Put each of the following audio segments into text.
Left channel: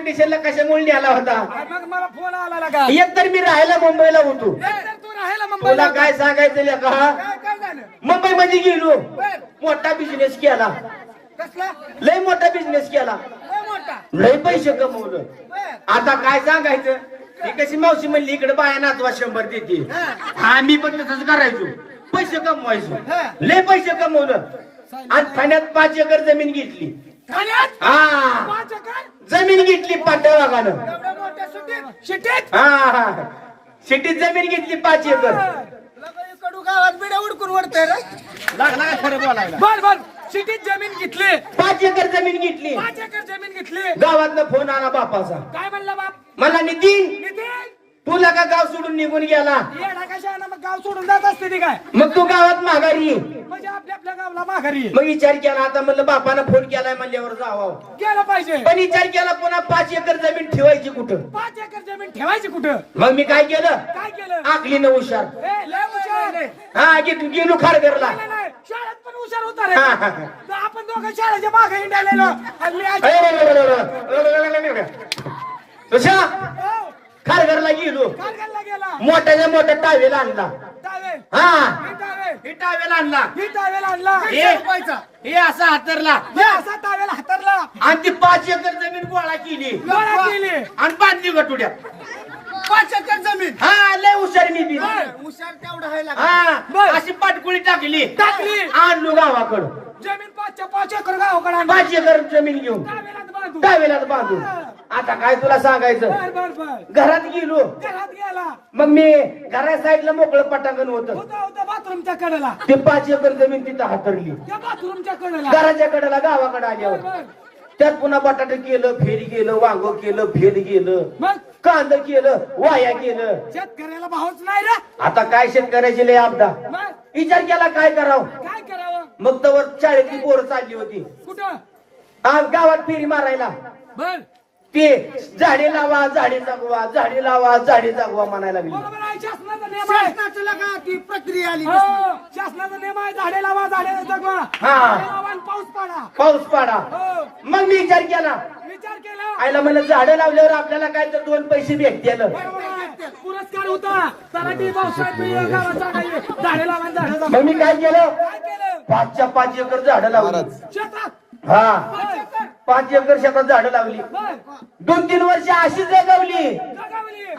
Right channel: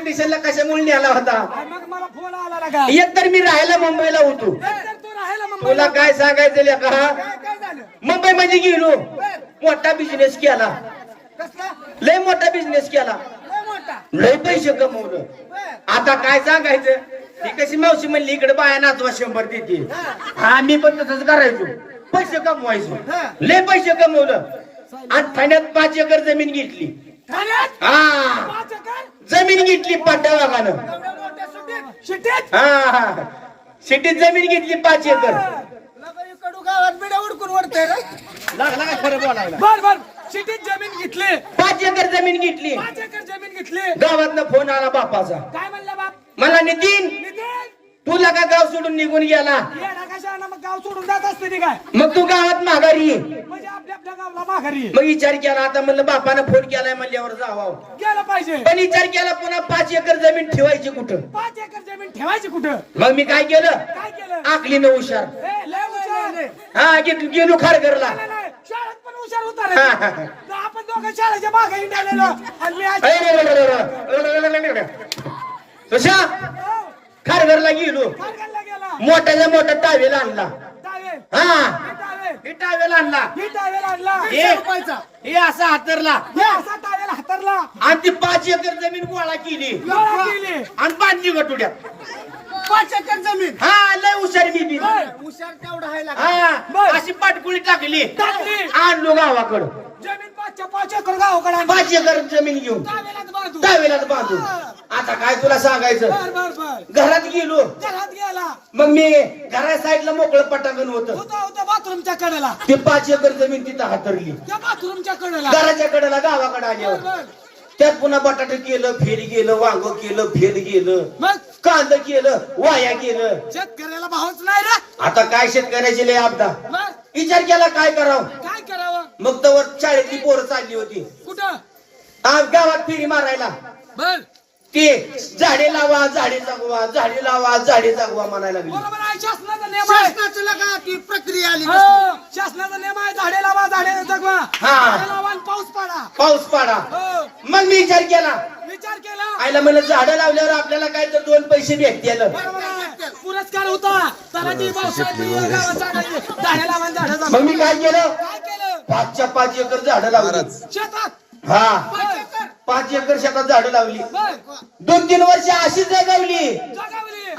स्टेशनला कशामुळे नेला होता? आणि मग मला फोन आला का? एक तर मी राहायला मुंबईला होतो. तर तू राहायला तुला काय सांगायचं लेका काय काय झालं? मुंबई मध्ये गेलो. बर. मोठा बिझनेस केला. कसला? लय मोठा बिझनेस केला. लय मोठा? लय पैसे कमवलं. बर. आता काय सांगायचं? ही कशी मावशी म्हणली इकडे बाया नाचवा शंभर देते. हा. मी पण तसंच करायचो. पैसे कमवायचो. लय पैसे कमवलं. आणि ठाण्यात पाच एकर जमीन घेतली. हा. पाच एकर जमीन घेतली पांढऱ्या वाघानं शिटीत? हा हा. सिटीत जमीन घेतली पाच एकर. लगा इकडू गावात बिड्या उडकून वडतंय रे. लागला का खरं बोलायला. बर बर सिटीत जमीन घेतली. पाच एकर जमीन घेतली. पाच एकर जमीन घेतली. गावातनं फोन आला बापाचा. काय म्हणला बाप? मला नितीन. नितीन? तुला का गाव सोडून निघून गेला. येडा कशानं मग गाव सोडून जात असते ती काय? मग तू गावात माघारी ये. म्हणजे आपल्या आपल्या गावला माघारी. मग विचार केला आता म्हणलं बापानं फोन केलाय म्हणल्यावर जावा. गेलं पाहिजे. पण विचार केला पुन्हा पाच एकर जमीन ठेवायची कुठं? पाच एकर जमीन ठेवायची कुठं? मग मी काय केलं? काय केलं? आकलीनं हुशार. ए, लय हुशार. हा गे- गेलो खारघरला नाही, नाही, शाळेत पण हुशार होता रे. हा, हा, हा. तर आपण दोघं शाळेच्या मागे हिंडायलेलो आणि मी आज- अरे, रे, रे, रे, रे, रे, रे, रे, रे. तुषा खारघरला गेलो. मोठ्याच्या मोठा टावेल आणला. टावेल हा. ही टावेल आणला. ही टावेल आणला. हे हे असा हातरला. हे असा टावेल हातरला. आणि ती पाच एकर जमीन गोळा केली. गोळा केली. आणि बांधली गटुड्यात. पाच एकर जमीन. हा लय हुशार मी बी. हुशार तेवढा आहे. हा. अशी पाटकुळी टाकली. टाकली. आणलो गावाकडं. जमीन पाचच्या पाच एकर गावाकडे आणली. पाच एकर जमीन घेऊन. टावेलात बांधू. बांधून. आता काय तुला सांगायचं? बर बर बर. घरात गेलो. घरात गेला. मग मी घरा साईडला मोकळं पटांगण होत. होता होता बाथरूमच्या कडेला. ते पाच एकर जमीन तिथं हातरली. त्या बाथरूमच्या कडेला. घराच्या कडेला गावाकडे बर बर. त्यात पुन्हा बटाटे केलं फेरी केलं वांग केलं फेर गेलं मग? कांद केलं वाया केलं. शेतकऱ्याला भावच नाही रे. आता काय शेतकऱ्याचे लय आपदा मग? विचार केला काय करावं? काय करावं? मग तवर शाळेतली पोरं चालली होती. कुठं? आज गावात फेरी मारायला. बर. ते झाडे लावा झाडे जगवा झाडे लावा झाडे जगवा म्हणायला लागली. बरोबर आहे शासनाचा नियम आहे. शासनाचं लगा ती प्रक्रिया आली हो, शासनाचा नियम आहे झाडे लावा झाडे जगवा. हा. झाडे लावा आणि पाऊस पाडा. पाऊस पाडा. हो. मग मी विचार केला. विचार केला. आईला म्हणलं झाडं लावल्यावर आपल्याला काय तर दोन पैसे भेटतील. बरोबर आहे. पुरस्कार होता. तलाठी भाऊसाहेब गावात झाडे झाडे लावा आणि झाडे मग मी काय केलं? काय केलं? पाचच्या पाच एकर झाडं लावली. शेतात. हा. पाच एकर शेतात झाडं लावली. दोन तीन वर्ष अशीच जगवली.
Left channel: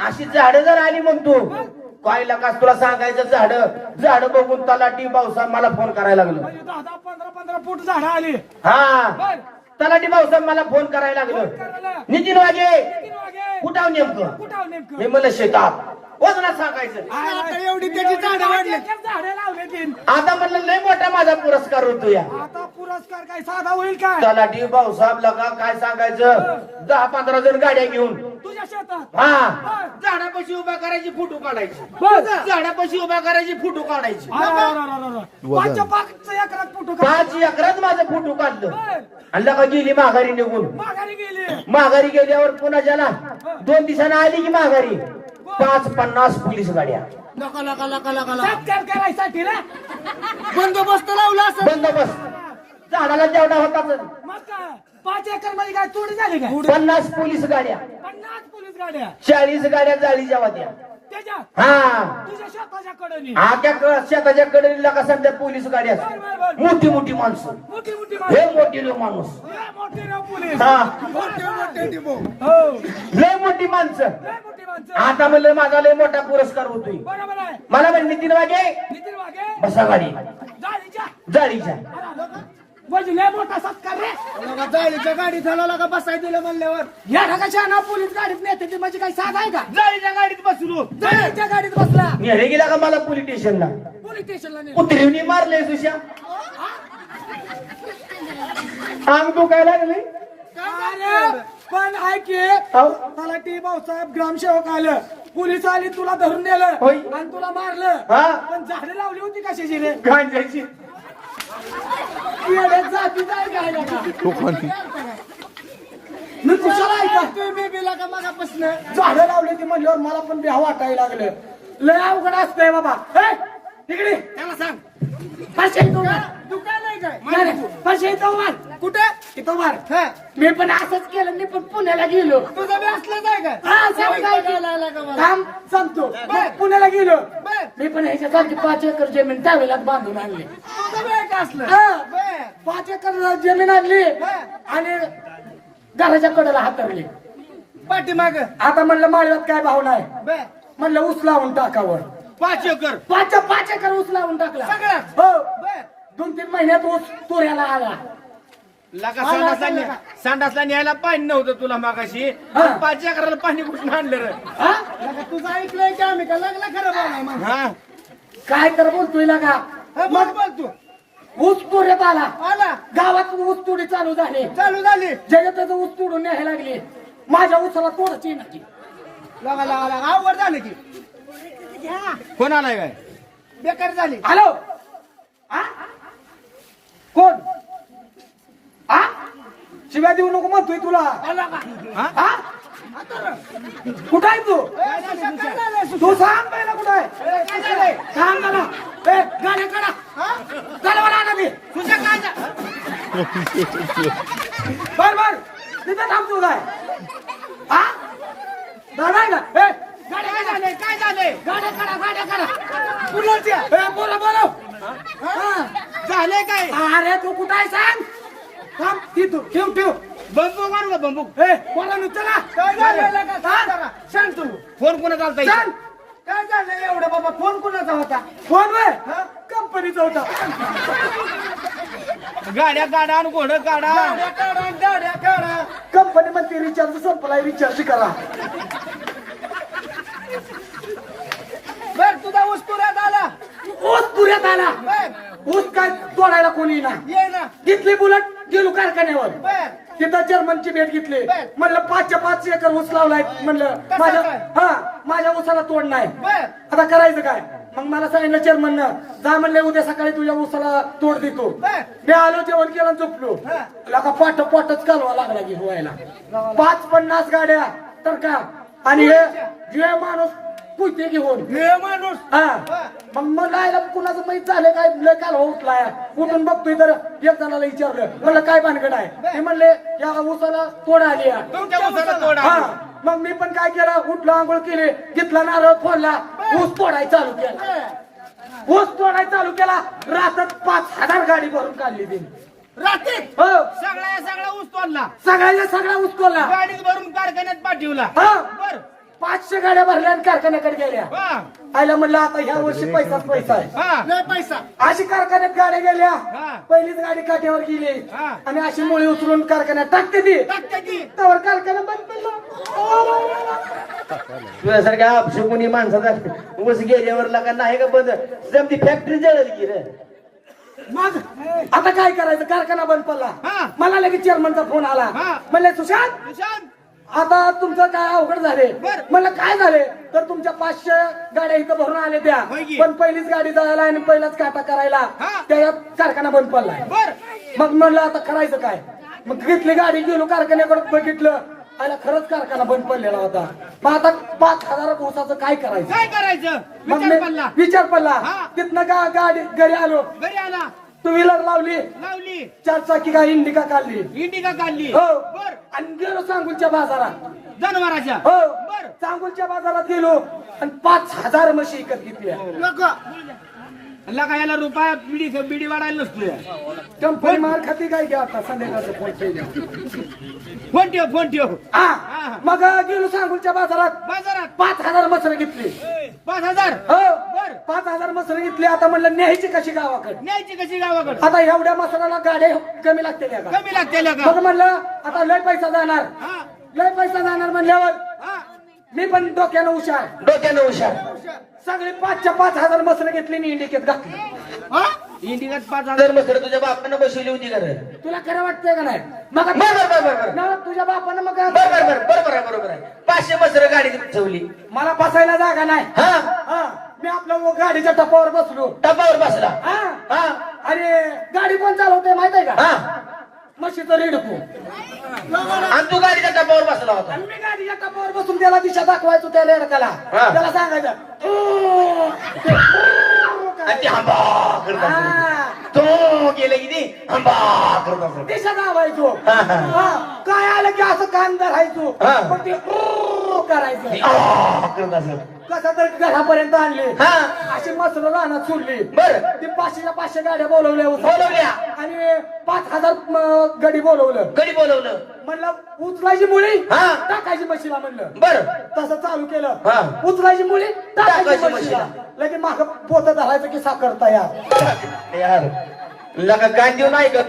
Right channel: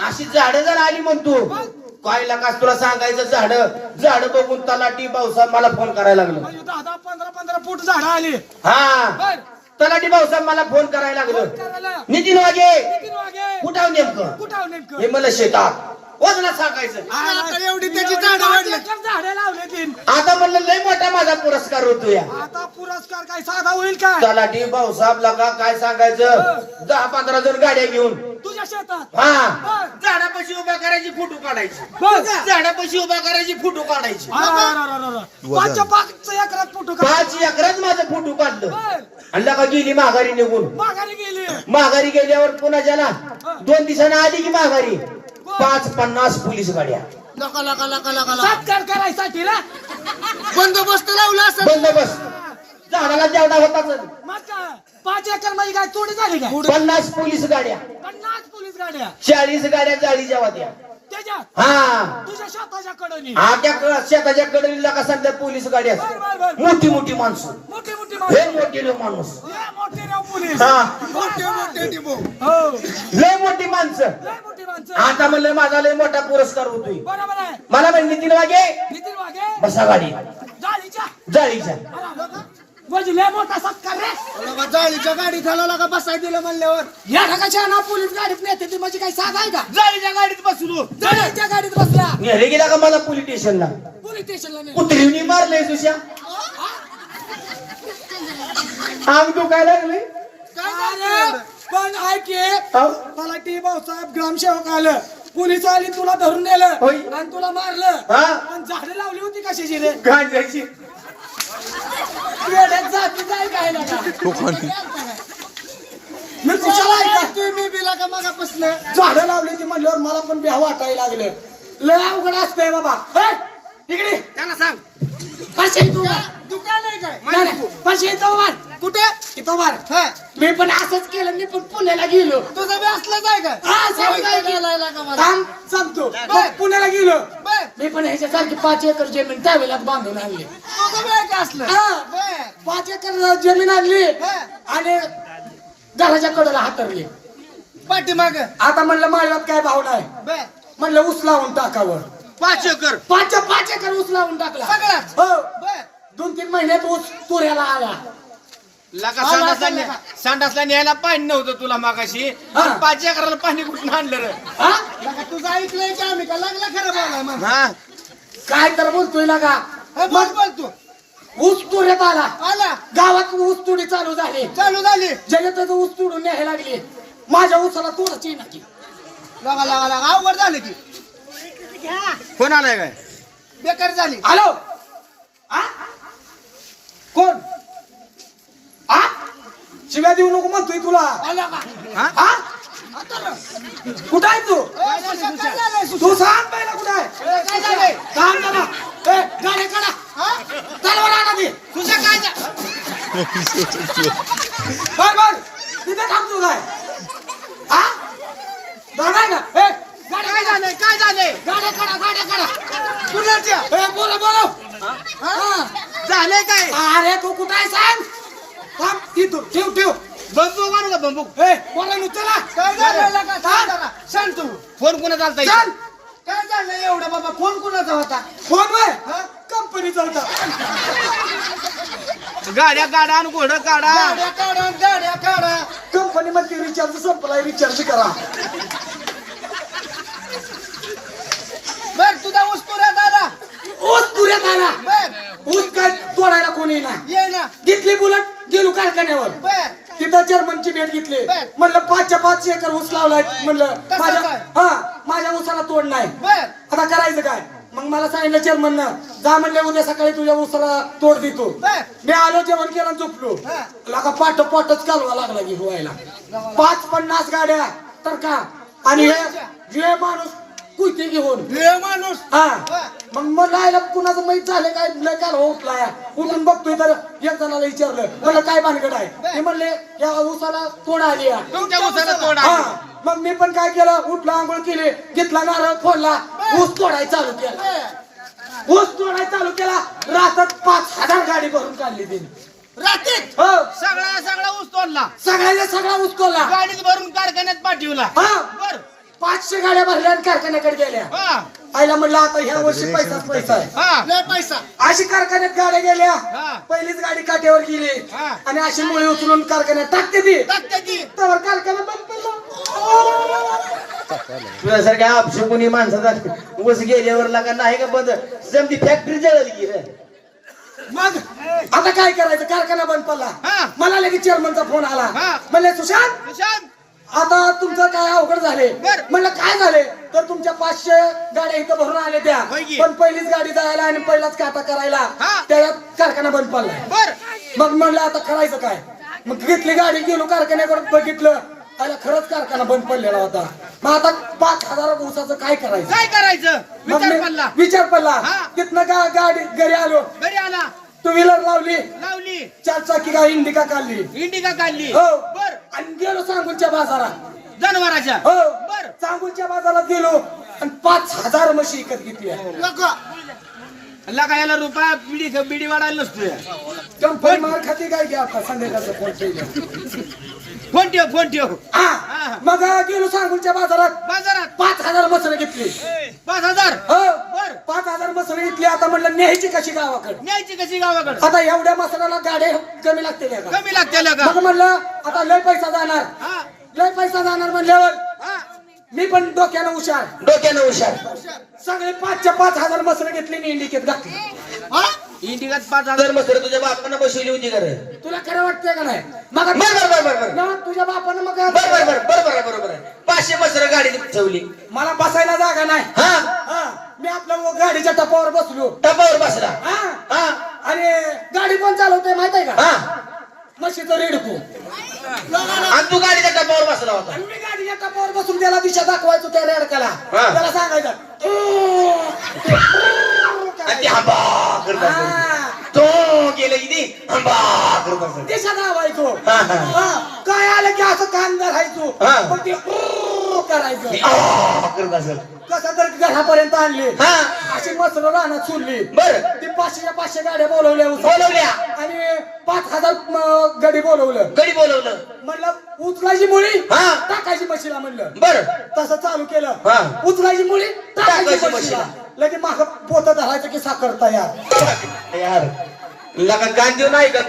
अशी झाडं जर आली म्हणतो काय लागास तुला सांगायचं झाड. झाड बघून तलाठी भाऊसाहेब मला फोन करायला लागलो. म्हणजे दहा पंधरा पंधरा फूट झाडं आली. हा. तलाठी भाऊसाहेब मला फोन करायला लागलो. नितीन वागे किती वागे कुठं नेमकं? कुठं नेमकं? हे मला शेतात. वजना सांगायचं. आता एवढी त्याची झाडं वाढली. झाडे लावले तीन. आता म्हणलं लय मोठा माझा पुरस्कार होतो या आता पुरस्कार काय साधा होईल काय? तलाठी भाऊसाहेब लगा काय सांगायचं? दहा पंधरा जण गाड्या घेऊन. तुझ्या शेतात? हा. झाडापाशी उभ्या करायची फोटो काढायची. झाडापाशी उभा करायची फोटो काढायची. पाचच्या पाचच्या एकरात फोटो काढ. पाच एकरात माझं फोटो काढलं. बर. आणि लगा गेली माघारी निघून. माघारी गेली. माघारी गेल्यावर पुन्हा ज्याला दोन दिवसानं आली की माघारी. पाच पन्नास पोलीस गाड्या. लका लका लका लका लका. सत्कार करायसाठी ना बंदोबस्त लावला असं बंदोबस्त. झाडाला जेवढा मग काय? पाच एकरमध्ये काय? तोडी झाली काय? पन्नास पोलीस गाड्या. पन्नास पोलीस गाड्या. चाळीस गाड्या जाळी जेव्हा द्या. त्याच्यात हा. तुझ्या शेताच्या कडनी. हा त्या क- शेताच्या कडीला का सध्या पोलीस बर बर बर. मोठी मोठी माणसं. मोठी मोठी हे माणसं. मोठी लोक माणूस. लय मोठी राव पोलीस. हा. मोठे मोठे डिबो हो. लय मोठी माणसं. लय मोठी माणसं. आता म्हणलं माझा लय मोठा पुरस्कार होतोय. बरोबर आहे. मला म्हणजे नितीन वागे नितीन वागे बसा गाडी. जाळीच्या. जाळीच्या. अरे, आलो का? म्हणजे लय मोठा सत्कार रे. लगा जाळीच्या गाडीत लगा बसाय दिलं म्हणल्यावर? या ढगाच्या ना पोलीस गाडीत नेते ती म्हणजे काही साधा आहे का? जाळीच्या गाडीत बसलो जाळीच्या गाडीत बसला. नेहरे गेला का मला पोलीस स्टेशनला? पोलीस स्टेशनला नेलं. कुत्रीने मारले सुशा अंग दुखायला लागले. अरे, पण ऐके अहो, तलाठी भाऊसाहेब ग्रामसेवक आलं. पोलीस आली तुला धरून नेलं होय. आणि तुला मारलं. हा? पण झाडे लावली होती कशाची रे? गांजाची. तो हो, कोणी मी कुशाला मी बिला का मागा पसलं झाडं लावले ती म्हणल्यावर मला पण बिहा वाटायला लागलं. लय अवघड असतंय बाबा. ए, इकडे. त्यांना सांग. परशाई तू पाचशे तू कुठे? इथं मार हा. मी पण असंच केलं. मी पण पुण्याला गेलो. तुझं बी असलंच आहे का? हा, सगळं काय की- बोलायला का मला? थांब सांगतो. मग पुण्याला गेलो. बर. मी पण ह्याच्यासारखी पाच एकर जमीन त्यावेळेला बांधून आणली. तुझं बी आहे का असलं? हा. बर. पाच एकर जमीन आणली हा. आणि घराच्या कडेला हातरली. पाठीमाग. आता म्हणलं माळव्यात काय भाव नाही. बर. म्हणलं ऊस लावून टाकावं. पाच एकर. पाच पाच एकर ऊस लावून टाकला. सगळाच? हो. बर. दोन तीन महिन्यात ऊस तुऱ्याला आला. लाका आला संडासला न्या- न्यायला पाणी नव्हतं तुला मागाशी. हा. आणि पाच एकराला पाणी कुठून आणलं रे? हा? तुझं ऐकलंय की आम्ही? का लागला खरं बोलाय मग? हा. काय तर बोलतोय का हा, बोल बोल तू. ऊस तुऱ्यात आला. आला. गावात ऊस तुडी चालू झाली. चालू झाली. जगताचं ऊस तोडून न्यायला लागली. माझ्या ऊसाला तोडायची ना की लगा लगा लगा. अवघड झालं की. कोण आलाय काय? बेकार झाली हॅलो. आ? कोण? आ? शिव्या देऊ नको म्हणतोय तुला. हा? कुठं आहे तू? तू सांग पहिला कुठं आहे. सांग ए गाड्या काढा. आणा तुझ्या काय बर बर. तिथे थांब तू काय हा दादा आहे ना? ए गाड्या काय काढा झालंय? काय झालंय? गाड्या काढा गाड्या काढा. कुणाच्या ए बोला बोला हा झालंय काय? अरे तू कुठं आहे सांग? थांब इथं ठेव ठेव. बंबू मारू का बंबू? ए बोला नु चला. काय लगा सांग जरा. सांग तू. फोन कोणा चालता चल. काय झालंय एवढं बाबा? फोन कुणाचा होता? फोन वर हा? कंपनीचा होता. गाड्या गाडा आणि घोडं काढा. गाड्या काढा गाड्या काढा. कंपनी मध्ये रिचार्ज संपलाय रिचार्ज करा बर तुझा ऊस तुऱ्यात आला ऊस पुऱ्यात आला बर ऊस काय तोडायला कोणी ना ये ना घेतली बुलेट गेलो कारखान्यावर. बर. तिथं जर्मनची भेट घेतली. बर. म्हणलं पाचच्या पाच एकर ऊस लावलाय. म्हणलं कसं माझ्या काय? हा माझ्या ऊसाला तोड नाही. बर. आता करायचं काय? मग मला सांगितलं चेअरमन जा म्हणले उद्या सकाळी तुझ्या ऊसाला तोड देतो. बर. मी आलो जेवण केलं आणि झोपलो. हा. पाठ पाठच कालवा लागला की व्हायला पाच पन्नास गाड्या तर का? आणि हे जे माणूस कुठे घेऊन. हे माणूस. हा. हा. मग मग काय कुणाचं माहीत झालं काय? लय काल उठलाय. उठून बघतोय तर एक जणाला विचारलं म्हणलं काय भानगड आहे? ते म्हणले या तोड आली. तुमच्या उसाला तोड हा. आहे. मग मी पण काय केलं? उठला आंघोळ केली घेतला नारळ फोडला. ऊस तोडाय चालू केला. ऊस तोडाय चालू केला. रातात पाच हजार गाडी भरून काढली तिने. रात्रीत हो. सगळा सगळा ऊस तोडला. सगळ्यांना सगळा ऊस तोडला. गाडीत भरून कारखान्यात पाठवला. हा. बर. पाचशे गाड्या भरल्या आणि कारखान्याकडे गेल्या. हा. आईला म्हणलं आता ह्या वर्षी पैसाच पैसा आहे. हा. लय पैसा. अशी कारखान्यात गाड्या गेल्या. हा. पहिलीच गाडी काठ्यावर गेली. हा. आणि अशी मुळे उचलून कारखान्यात टाकते ती. टाकते ती. त्यावर कारखाना बंद पडला. तुझ्यासारख्या अपशकुनी माणसाचा ऊस गेल्यावर लागा नाही का बंद? जमती फॅक्टरी जळली की रे. मग? आता काय करायचं? कारखाना बंद पडला. हा. मला लगेच चेअरमनचा फोन आला. हा. म्हणले सुशांत निशांत आता तुमचं काय अवघड झाले. म्हणलं काय झाले? तर तुमच्या पाचशे गाड्या इथं भरून आले त्या. पण पहिलीच गाडी जायला आणि पहिलाच काटा करायला. त्या कारखाना बंद पडलाय मग म्हणलं आता करायचं काय? मग घेतली गाडी गेलो कारखान्याकडे बघितलं. आला खरंच कारखाना बंद पडलेला होता. मग आता पाच हजार दिवसाचं काय करायचं? काय करायचं? विचार पडला. विचार पडला. तिथनं गाडी घरी आलो. घरी आला. टू व्हीलर लावली. लावली. चार चाकी गाडी इंडिका काढली? इंडिका काढली? हो. बर. आणि गेलो सांगूलच्या बाजारात. जनावराच्या? हो. बर. सांगूलच्या बाजारात गेलो आणि पाच हजार म्हशी विकत घेतली नको. लगा याला रुपया बिडी बिडी वाढायला नसतोय. कंपनी मार खाती काय घ्या आता संध्याकाळचं फोन केलं फोन ठेव फोन ठेव. हा. मग गेलो सांगूलच्या बाजारात. बाजारात? पाच हजार मसर घेतली. पाच हजार? हो. बर. पाच हजार मसर घेतली. आता म्हणलं न्यायची कशी गावाकडे? न्यायची कशी गावाकडे? आता एवढ्या मसाल्याला गाड्या कमी लागते का? कमी लागते का? मग म्हणलं आता लय पैसा जाणार. हा. लय पैसा जाणार म्हणल्यावर हा. मी पण डोक्यानं हुशार. डोक्यानं हुशार. सगळे पाचच्या पाच हजार मसर घेतली आणि इंडिकेत घातली. हा? इंडिकात पाच हजार मकर तुझ्या बापानं बसवली होती का रे? तुला खरं वाटतंय का नाही? मग बर, बर, बर, बर, बर. ना तुझ्या बापानं मग बर बर बर बरोबर आहे बरोबर आहे. पाचशे मसर गाडी ठेवली. मला बसायला जागा नाही. हा? हा मी आपल्या गाडीच्या टपावर बसलो. टपावर बसला. हा? हा? आणि गाडी पण चालवते माहीत आहे का? हा. म्हशीचं रेडकू. आणि तू गाडीच्या टपावर बसला होता. आणि मी गाडीच्या टपावर बसून त्याला दिशा दाखवायचो त्या रेडकाला. हा. त्याला सांगायचं "ओ, ते, ओ" आणि. ती हंबा करत असेल. हा. तो केलं इथे बा करत असत दिशा दाबायचो हा, हा. हा, काय आलं की असं कान धरायचो हा. मग ते करायचं? करत असत कसं तर घरापर्यंत आणले. हा. अशी मसर रानात सोडली. बर. ते पाचशेच्या पाचशे गाड्या बोलवल्या. बोलवल्या. आणि पाच हजार म, गडी बोलवलं. गडी बोलवलं. म्हणलं उचलायची मुळी हा. टाकायची मशीला म्हणलं. बर. तसं चालू केलं. उचलायची मुळी टाकायची टाकायची मशीला. लगेच माग पोत धरायचं की साखर तयार. यार. लका गांधी नाही का?